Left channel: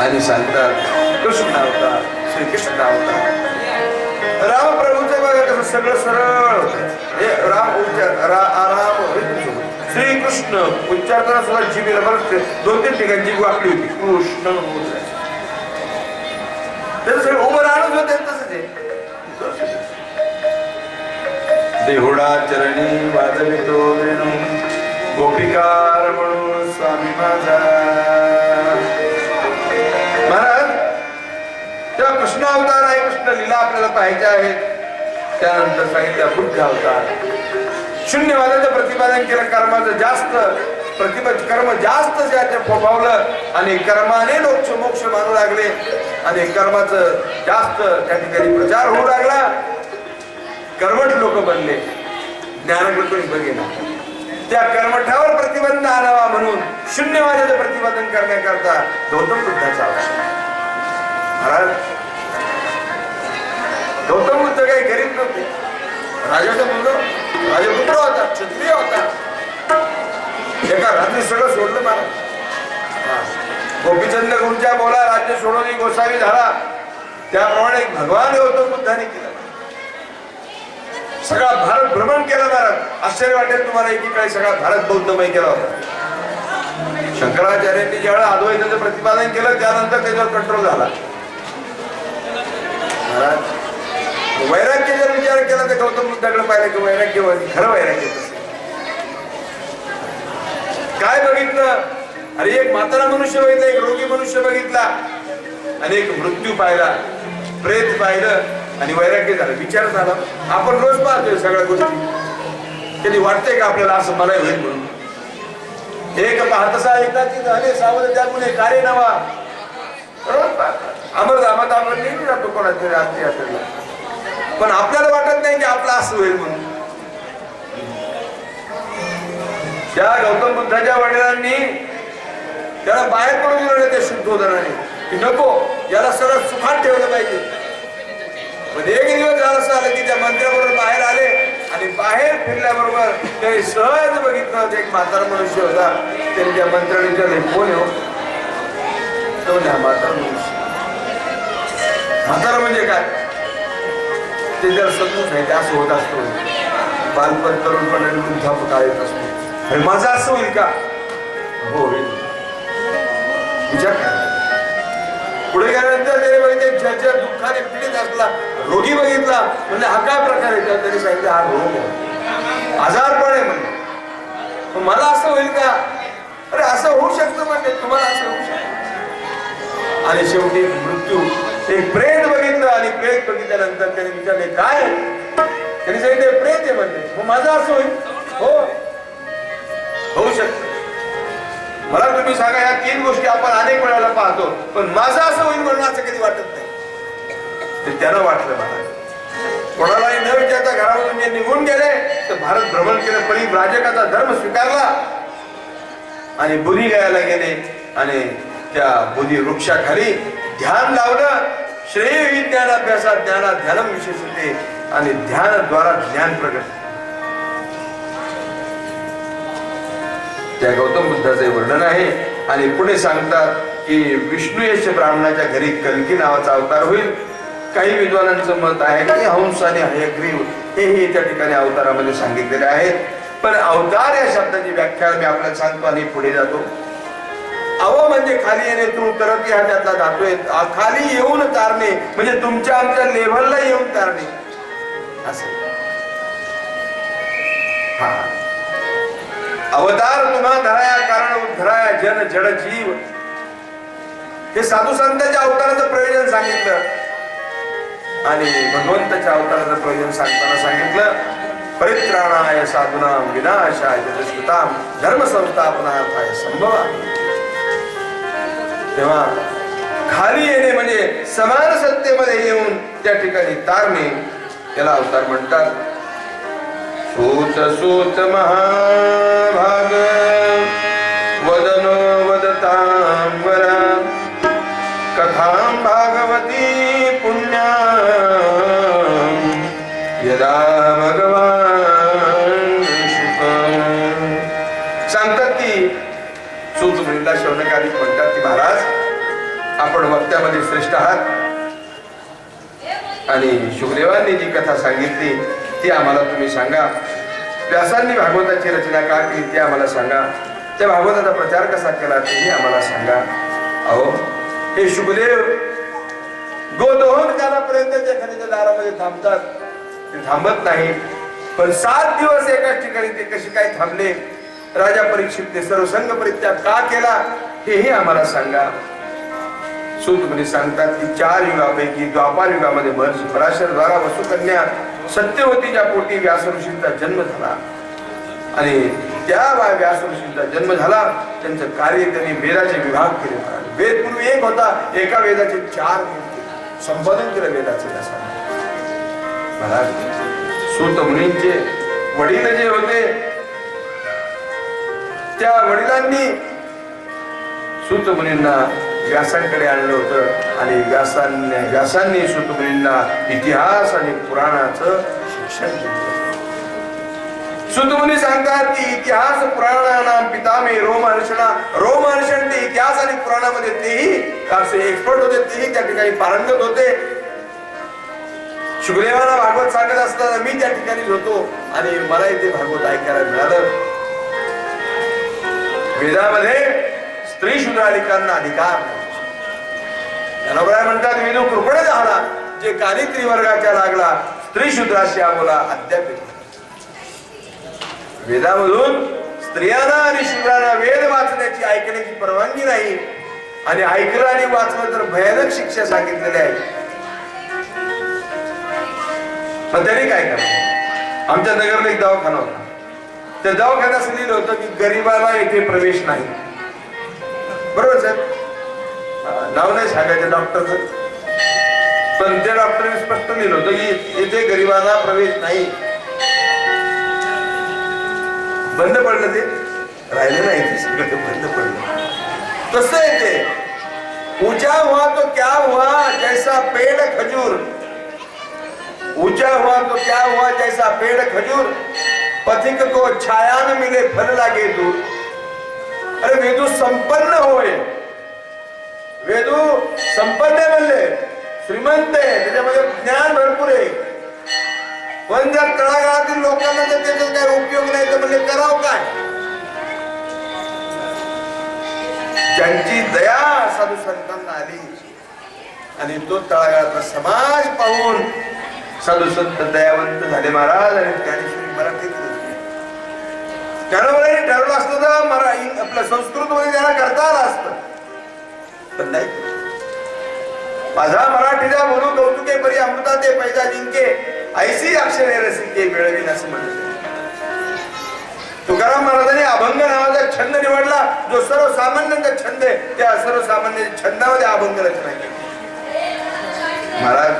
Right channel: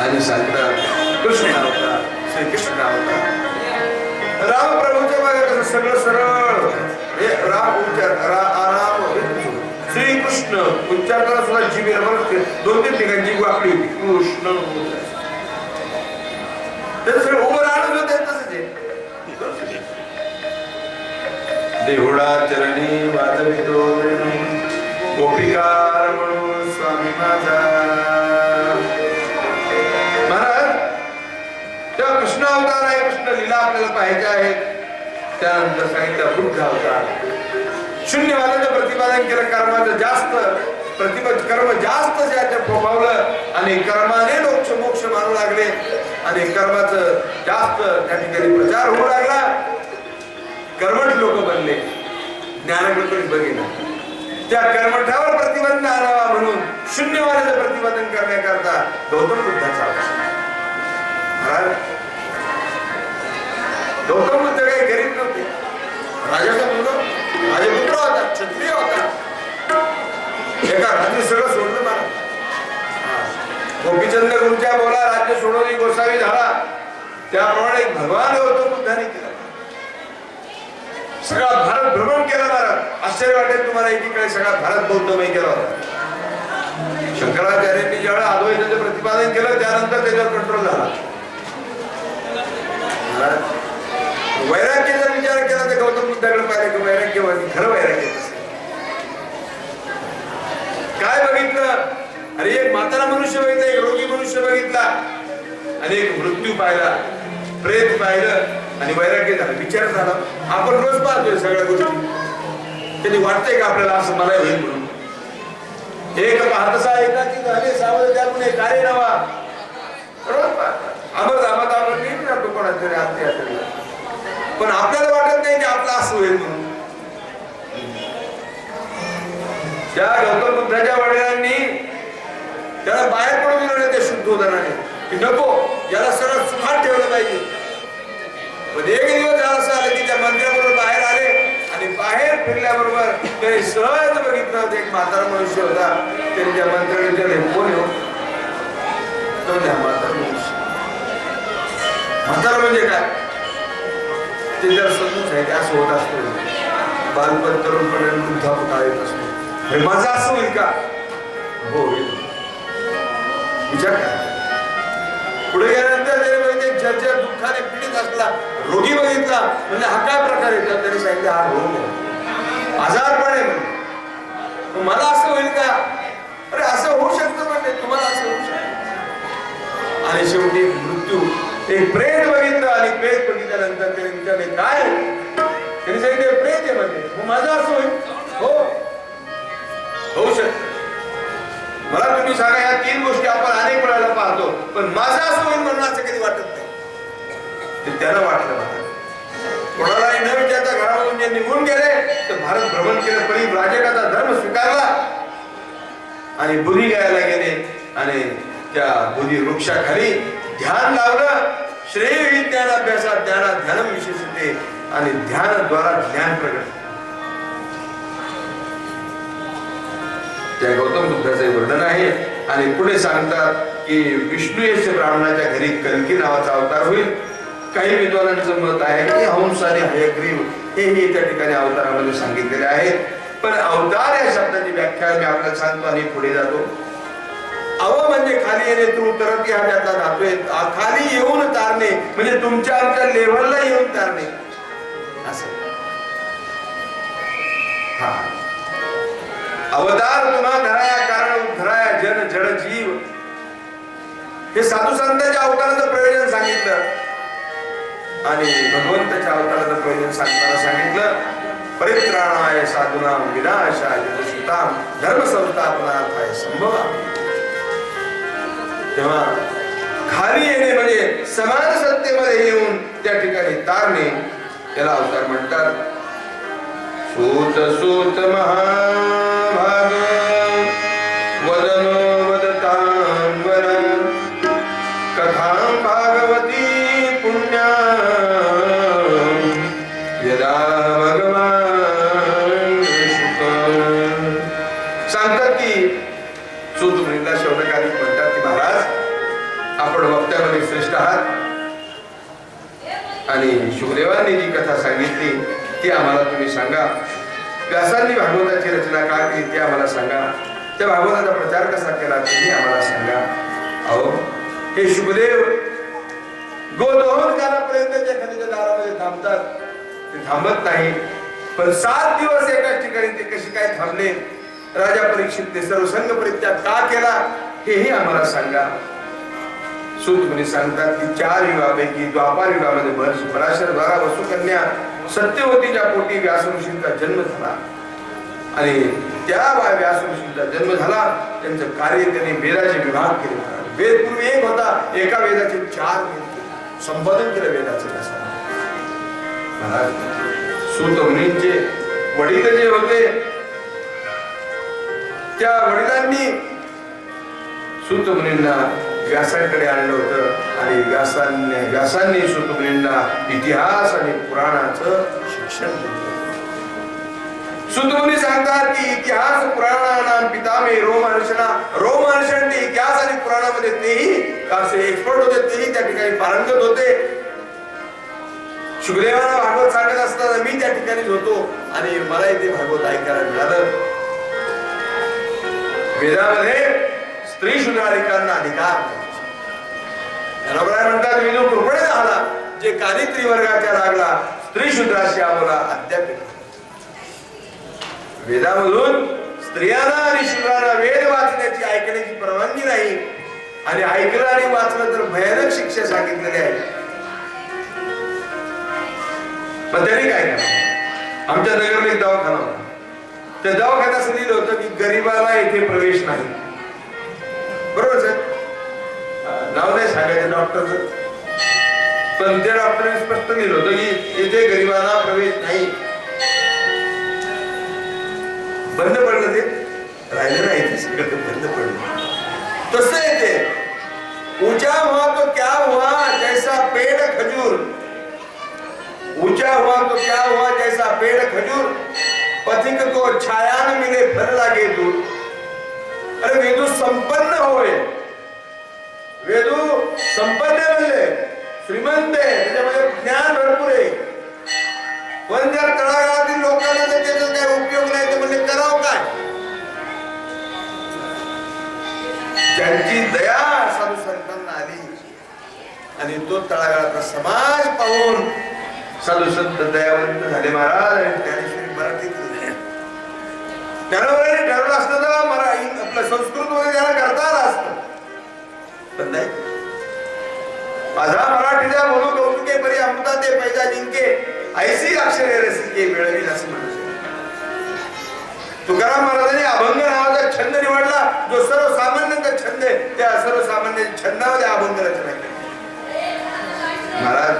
आणि सांगतात कृष्ण अवतार श्रीकृष्ण अवतार रामप्रभूच्या बघा कसं सगळं सरळ. हे राम उच्चार रा राम श्रीकृष्ण उच्चारताना सुद्धा जीवी बरं दोन तीन ठिकाणची जीभ होती. कृष्ण त्याचं सगळं उभं राहणं होतं तसंच आहे. देहुडा चरणी वाजवितो गोपिकार म्हणून स्वामी माझा. कृष्ण अवतार आहे कृष्ण लीला आपल्याला पाहायच्या आहेत. त्यानंतर सांगितलं बुद्ध अवतार. शून्यवादाचं प्रतिपादन केलं कर्माचं जास्त प्रतिपा कर्म जास्त ज्याच्या फोफावलं आणि कर्माने लोक मोक्ष मानू लागले. आणि कर्माचं जास्त त्या ठिकाणी प्रचार होऊ लागला. कर्मठ लोक बनले. ज्ञानाकडे बघेना. त्या कर्मठावर प्रतिबंध आणावा म्हणून शून्यवादाचं प्रतिपादन करण्याकरता गौतम बुद्धाचा अवतार. आहे. महाराज गौतम बुद्ध काही गरीब नव्हते. राजाचा मुलगा राजपुत्र होता क्षत्रिय होता एका रात्री सगळं सोडलं मला. गोपीचंद गुंजा बोला राज्य सोडवली गोसावी झाला. त्याप्रमाणे भगवान गौतम बुद्धाने केला. सगळा भारत भ्रमण केला महाराज आश्चर्य वाटेल तुम्हाला एकीकडे सगळा भारत बौद्धमय केला होता. शंकराचार्यांनी ज्यावेळेला अद्वैताचं प्रतिपादन केलं त्यानंतर त्याच्यावर कंट्रोल झाला. महाराज वैराग्य जर विचार केला तर गौतम बुद्धाकडे पाहिलं की वैराग्य खरं वैराग्य काय बघितलं? अरे एक म्हातारा मनुष्य बघितला एक रोगी मनुष्य बघितला आणि एक मृत्यू पाहिला प्रेत पाहिलं आणि वैराग्य झालं. विचार झाला. आपण रोज पाहतोय सगळ्या गोष्टी. त्यांनी वाटतंय का आपल्याला असं मला होईल म्हणून? एक हातसा एकाची झाले सावध त्यामुळे कार्य नवा रोज अमर आम्हाला आपण नेहमी जातो कोणाच्या तरी पण आपल्याला वाटत नाही की आपलं असं होईल म्हणून. त्या गौतम बुद्धाच्या वडिलांनी त्याला बाहेर पडून दिलं ते त्या शुद्धोदनाने की नको याला सरळ सुखात ठेवलं पाहिजे. पण एक दिवस झालं असं आलं की त्या मंदिराबरोबर बाहेर आले आणि बाहेर फिरल्याबरोबर त्याने सहज बघितलं होतं एक म्हातारा मनुष्य होता. त्याने त्या मंत्र्याने विचारले कोण येऊ तो त्या म्हातारा मनुष्य. म्हातारा म्हणजे काय? ते जर समजून आहे ते असं होत असतो. बालपण तरुणपण आणि वृद्धापकाळ येत असतो. अरे माझं असं होईल का? हो विचार करा. पुढे गेल्यानंतर त्याने बघितले ज्याच्या दुःखाने पीडित असला रोगी बघितला म्हणजे हा काय प्रकार आहे? त्याने सांगितलं हा रोग आहे. आजारपण आहे म्हणजे मला असं होईल का? अरे असं होऊ शकतं म्हणजे तुम्हाला असं होऊ शकतं. आणि शेवटी मृत्यू एक प्रेम आणि प्रेत बघितल्यानंतर त्याने विचारले काय? त्याने सांगितले प्रेत आहे म्हणजे मग माझा असं होईल? हो. होऊ शकत. मला तुम्ही सांगा या तीन गोष्टी आपण अनेक वेळाला पाहतो पण माझा असं होईल म्हणून असं कधी वाटत नाही. ते त्याला वाटलं मला. कोणालाही न विचारता घरामधून जे निघून गेले तर भारत भ्रमण केलं परी राजकाचा धर्म स्वीकारला. आणि बुधी गायला गेले आणि त्या बुधी वृक्षाखाली ध्यान लावलं श्रेय विज्ञान अभ्यासात ज्ञानात ध्यान विशेषते आणि ध्यानाद्वारा ज्ञान प्रगट त्या गौतम बुद्धाचे वर्णन आहे आणि पुढे सांगतात की विष्णू यश ब्राह्मणाच्या घरी कलकी नावाचा अवतार होईल. काही विद्वानांचं मत आहे की हंस आणि हयग्रीव हेही त्या ठिकाणी अवतारामध्ये सांगितलेले आहेत. पण अवतार या शब्दाची व्याख्या मी आपल्याला सांगतो आणि पुढे जातो. अहो म्हणजे खाली येणे तू उतरत हा त्याचा जातोय खाली येऊन तारणे म्हणजे तुमच्या आमच्या लेव्हलला येऊन तारणे. असं. हा. अवतार तुम्हा धराया कारण उद्धराया जन जड जीव. हे साधू संतांच्या अवताराचं प्रयोजन सांगितलं. आणि भगवंताच्या अवताराचं प्रयोजन सांगताना सांगितलं परित्राणाय साधुना विनाशाय जगस्कृताम धर्म संस्थापनार्थाय संभवा तेव्हा खाली येणे म्हणजे समान सत्तेमध्ये येऊन त्या ठिकाणी तारणे त्याला अवतार म्हणतात. सूत सूत महाभाग वदनो वदतां वरा कथां भागवती पुण्या यदा आहात. आणि शुकदेवांनी जी कथा सांगितली ती आम्हाला तुम्ही सांगा. व्यासांनी भागवताची रचना का केली ती आम्हाला सांगा. त्या भागवताचा प्रचार कसा केला तेही आम्हाला सांगा. अहो हे शुकदेव गोदोहन कालापर्यंत त्या खनिज दारामध्ये थांबतात. ते थांबत नाही. पण सात दिवस एकाच ठिकाणी ते कसे काय थांबले? राजा परीक्षित ते सर्वसंघ परित्याग का केला हेही आम्हाला सांगा. सूत मुनी सांगतात की चार युगापैकी द्वापार युगामध्ये महर्षी पराशर द्वारा वसुकन्या सत्यवतीच्या पोटी व्यास ऋषींचा जन्म झाला. आणि त्या वा- व्यास ऋषींचा जन्म झाला त्यांचं कार्य त्यांनी वेदाचे विभाग केले. वेद पूर्वी एक होता एका वेदाचे चार वेद संपादन केलं वेदाचे व्यासाने. सूत मुनींचे वडील जे होते त्या वडिलांनी सूत मुनींना व्यासांकडे आणलं होतं. आणि व्यासांनी व्यासांनी सुतमुनींना इतिहास आणि पुराणाचं शिक्षण दिलं सुतमुनी सांगतात की इतिहास पुराणानाम पितामे रोमहर्षणा रोमहर्षण ते इतिहास आणि पुराणामध्ये तेही असे एक्सपर्ट होते तेही त्या ठिकाणी पारंगत होते. शुकदेवाला भागवत सांगत असताना मी त्या ठिकाणी होतो आणि मला इथे भागवत ऐकायला मिळालं. वेदामध्ये स्त्री शूद्राधिकांना अधिकार नाही. म्हणतात विनू कृपणे झाला. जे काली त्रिवर्गाच्या लागला स्त्री शूद्राशी आम्हाला अद्याप वेदामधून स्त्रियांना आणि शूद्रांना वेद वाचण्याची ऐकण्याची परवानगी नाही. आणि ऐकलं आणि वाचलं तर भयानक शिक्षा सांगितलेली आहे. पण त्यांनी काय केलं? आमच्या नगरला एक दवाखाना होता. त्या दवाखान्यात लिहिलं होतं की गरीबाला येथे प्रवेश नाही. बरोबर सर? नाव नाही सांगायचं डॉक्टरचं. पण त्या डॉक्टरने स्पष्ट लिहिलं होतं की येथे गरीबाला प्रवेश नाही. बंद पडलं ते? राहिलं नाही ते सगळं बंद पडलं. तसं आहे ते? ऊंचा हुआ तो क्या हुआ जैसा पेड़ खजूर. ऊंचा हुआ तो क्या हुआ जैसा पेड़ खजूर. पथिक को छाया न मिले फल लागे दूर अरे वेदू संपन्न होए. वेदू संपन्न बनले. श्रीमंत आहे त्याच्यामध्ये ज्ञान भरपूर आहे. पण जर तळागाळातील लोकांना जर त्याचा काय उपयोग नाही तर म्हणजे करावं काय? ज्यांची दया साधू संतांना आली आणि तो तळागाळातला समाज पाहून साधू संत दयावंत झाले महाराज आणि ज्ञानेश्वरी मराठीत लिहिली. ज्ञानोबाईंनी ठरवलं असतं तर मरा आपलं संस्कृत मध्ये त्यांना करता आलं असतं. पण नाही माझा मराठीचा बोलू कौतुके परी अमृता ते पैजा जिंके ऐसी अक्षरे रसिके मिळवीन असं म्हणत तुकाराम महाराजांनी अभंग नावाचा छंद निवडला जो सर्वसामान्यांचा छंद आहे त्या सर्वसामान्य छंदामध्ये अभंग रचना केली. महाराज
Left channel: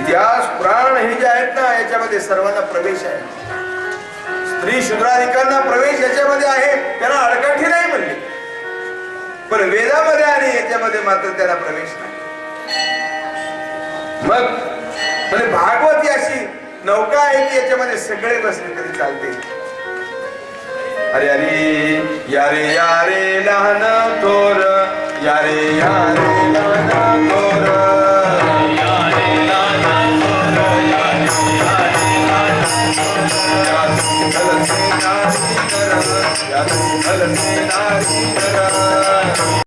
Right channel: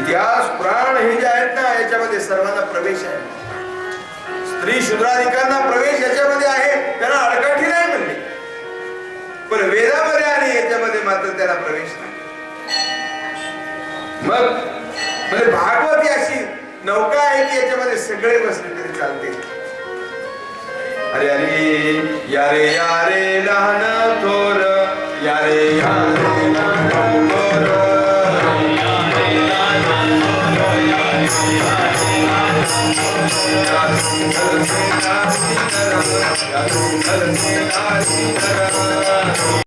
इतिहास पुराण हे जे आहेत ना याच्यामध्ये सर्वांना प्रवेश आहे. स्त्री शूद्राधिकांना प्रवेश याच्यामध्ये आहे. तर त्याला प्रवेश नाही मग म्हणजे भागवत ही अशी नौका आहे की याच्यामध्ये सगळे बसले तरी चालते अरे अरे यारे यारे लहान थोर यारे यारे लहान थोर या